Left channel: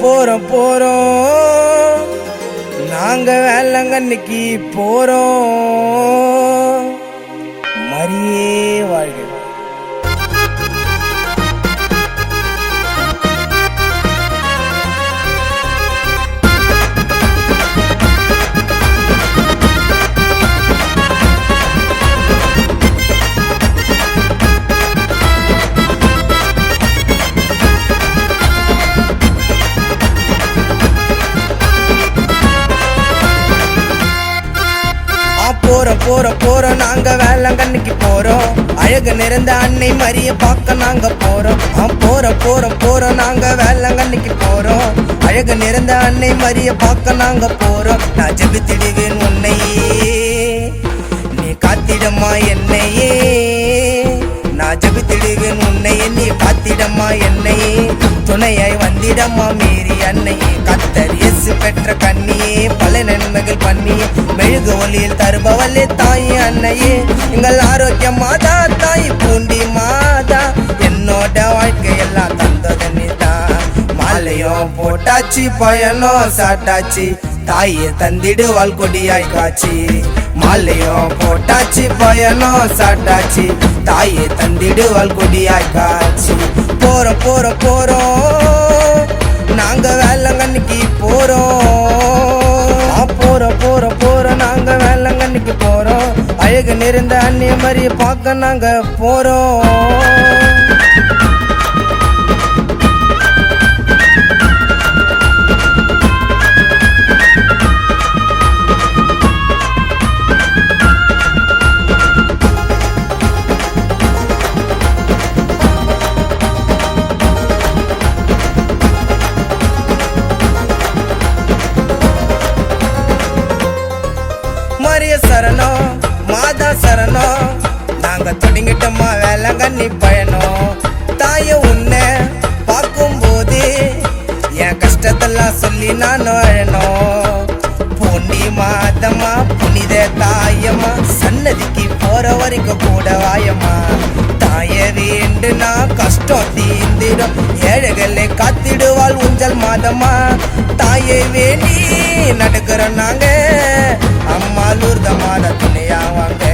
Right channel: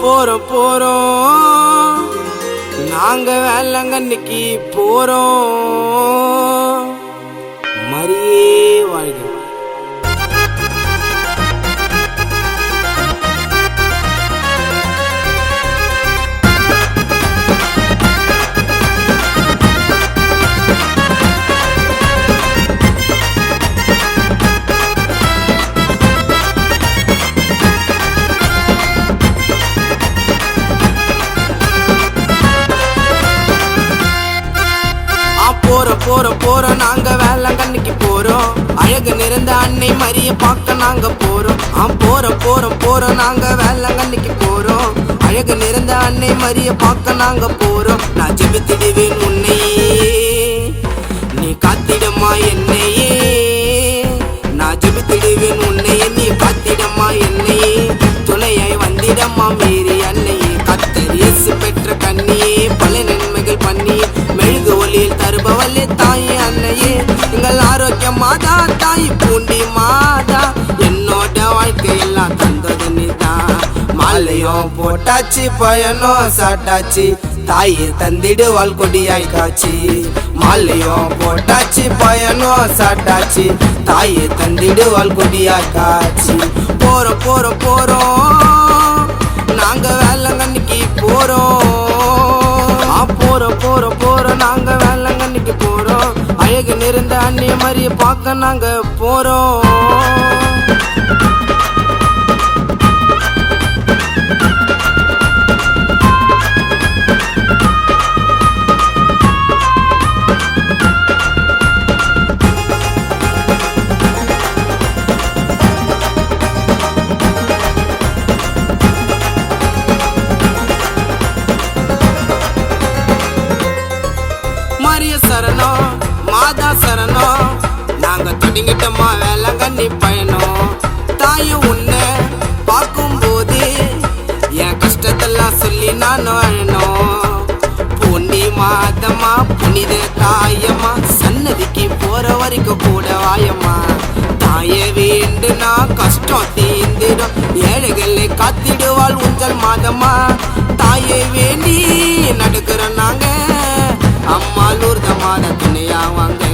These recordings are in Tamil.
போறோம் நாங்க வேளாங்கண்ணிக்கு போறோம். மரியே வாழ்க. போறோம் நாங்க வேளாங்கண்ணிக்கு போறோம். அழகு நிறைந்த அன்னை மரிய பார்க்க நாங்க போறோம். போறோம் நாங்க வேளாங்கண்ணிக்கு போறோம். அழகு நிறைந்த அன்னை மரிய பார்க்க நாங்க போறோம். நான் ஜெபித்திடுவேன் உன்னையே, நீ காத்திடமா என்னையே. நான் ஜெபித்திடுவேன் உன்னையே, நீ காத்திடமா என்னையே. துணையாய் வந்திடமா மீறி அன்னையே. கர்த்தர் இயேசு பெற்ற கண்ணியே, பல நன்மைகள் பண்ணியே. மெழுகு ஒளியில் தருபவளே தாயே அன்னையே. எங்கள் ஆரோக்கிய மாதா, தாய் பூண்டி மாதா. என்னோட வாழ்க்கையெல்லாம் தந்தது நீதான். மாலையும் போட்டாச்சு, பயணம் சாட்டாச்சு, தாயே தந்திடுவாள் கொடியாய் காட்சி. மாலையும் போட்டாச்சு, பயணம் சாட்டாச்சு, தாயே தந்திடுவாள் கொடியாய் காட்சி. போறோம் நாங்க வேளாங்கண்ணிக்கு போறோம். போறோம் நாங்க வேளாங்கண்ணிக்கு போறோம். அழகு நிறைந்த அன்னை மரிய பார்க்க நாங்க போறோம். சரணம் மாதா சரணம், நாங்க தொடங்கிட்டோமா வேளாங்கண்ணி பயணம். தாய உன்னை பார்க்கும் போது என் கஷ்டத்தெல்லாம் சொல்லி நான் அழணும். பூண்டி மாதமா புனித தாயம்மா, சன்னதிக்கு போற வரைக்கும் கூட வாயம்மா. தாய வேண்டுனா கஷ்டம் தீந்திடும், ஏழைகளை காத்திடுவாள் ஊஞ்சல் மாதம்மா. தாயை வேண்டி நடக்கிறோம் நாங்க, அம்மா லூர்த மாத துணையா வாங்க.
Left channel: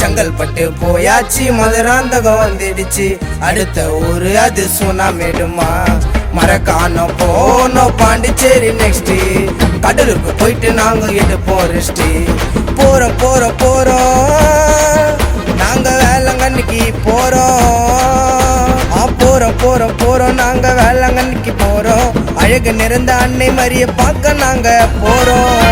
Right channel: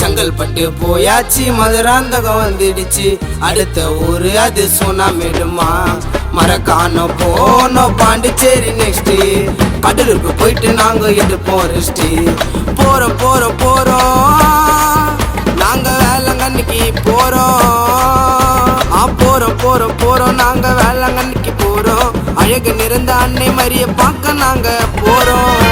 செங்கல்பட்டு போயாச்சு, மதுராந்தகம் வந்துடுச்சு, அடுத்த ஊரு அது சுனாமேடுமா. மரக்கானோ போனோம் பாண்டிச்சேரி நெக்ஸ்ட், கடலுக்கு போயிட்டு நாங்க எடுப்போம் ரெஸ்ட். போறோம் நாங்க வேளாங்கண்ணிக்கு போறோம். போறோம் நாங்க வேளாங்கண்ணிக்கு போறோம். அழகு நிறைந்த அன்னை மரிய பார்க்க நாங்க போறோம்.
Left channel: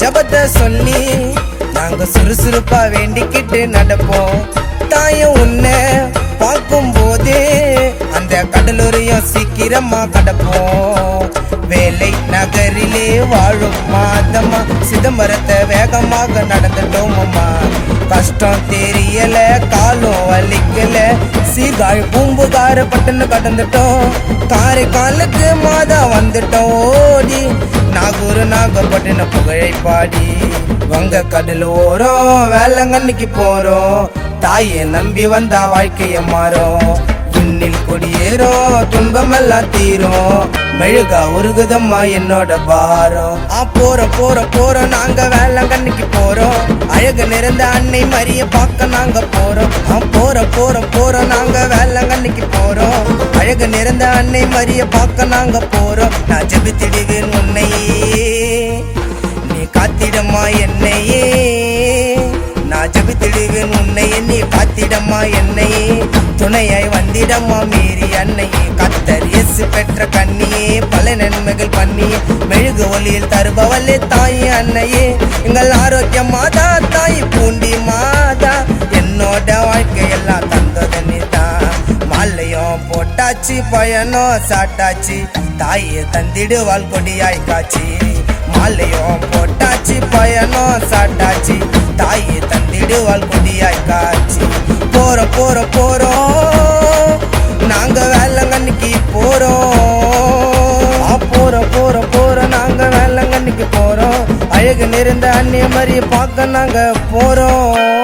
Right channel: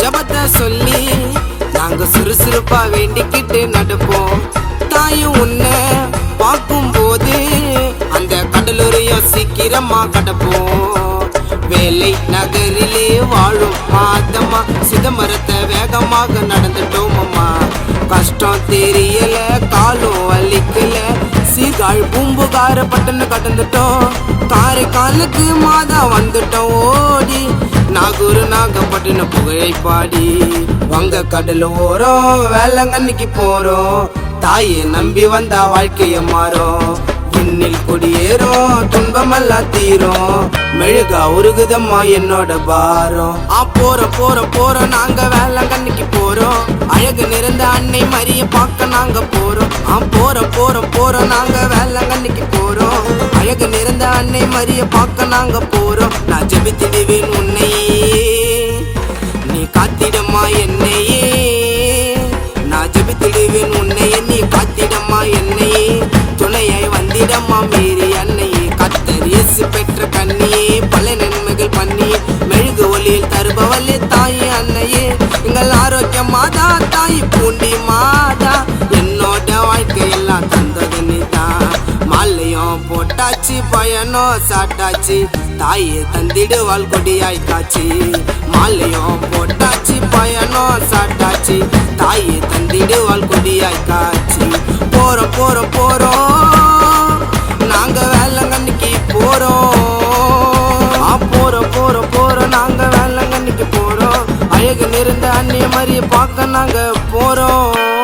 ஜபத்தை சொல்லி நாங்க சுறுசுறுப்பா வேண்டிக்கிட்டு நடப்போம். தாயும் உன்னை பார்க்கும் போது அந்த கடலூரையும் சீக்கிரமா கடப்போம். வேலை நகரிலே வாழும் மாதம்மா, சிதம்பரத்தை வேகமாக நடந்துட்டோம் அம்மா. கஷ்டம் தெரியல, காலும் வலிக்கல, சீர்காழ் பூம்புகார பட்டணு கடந்துட்டோம். காரைக்காலுக்கு மாதா வந்துட்டோம் ஓடி, நாகூர் நாகப்பட்டினம் புகழை பாடி. வங்க கடல் ஓரம் வேளாங்கண்ணிக்கு போறோம். தாயை நம்பி வந்தா வாழ்க்கைய மாறும். விண்ணில் கொடியேறும், துன்பமெல்லாம் தீரும், மெழுகா உருகுதம்மா என்னோட பாரம். போறோம் நாங்க வேளாங்கண்ணிக்கு போறோம். அழகு நிறைந்த அன்னை மரிய பார்க்க நாங்க போறோம். போறோம் நாங்க வேளாங்கண்ணிக்கு போறோம். அழகு நிறைந்த அன்னை மரிய பார்க்க நாங்க போறோம். நான் ஜெபித்திடுவேன் உன்னையே, நீ காத்திடமா என்னையே. நான் ஜெபித்திடுவேன் உன்னையே, நீ காத்திடமா என்னையே. துணையாய் வந்திடமா மீறி அன்னையே. கர்த்தர் இயேசு பெற்ற கண்ணியே, பல நன்மைகள் பண்ணியே. மெழுகு ஒளியில் தருபவளே தாயே அன்னையே. எங்கள் ஆரோக்கிய மாதா, தாய் பூண்டி மாதா. என்னோட வாழ்க்கையெல்லாம் தந்தது நீதான். மாலையும் போட்டாச்சு, பய பயணம் சாட்டாச்சு தாயே தந்திடுவாள் கொடியாய் காட்சி மாலையும் போட்டாச்சு பயணம் சாட்டாச்சு தாயே தந்திடுவாள் கொடியாய் காட்சி போறோம் போறோம் போறோம் நாங்க வேளங்கண்ணிக்கு போறோம் போறோம் போறோம் போறோம் நாங்க வேளங்கண்ணிக்கு போறோம் அழகு நிறைந்த அந்நிய மாதிரி பார்க்க நாங்க போறோம்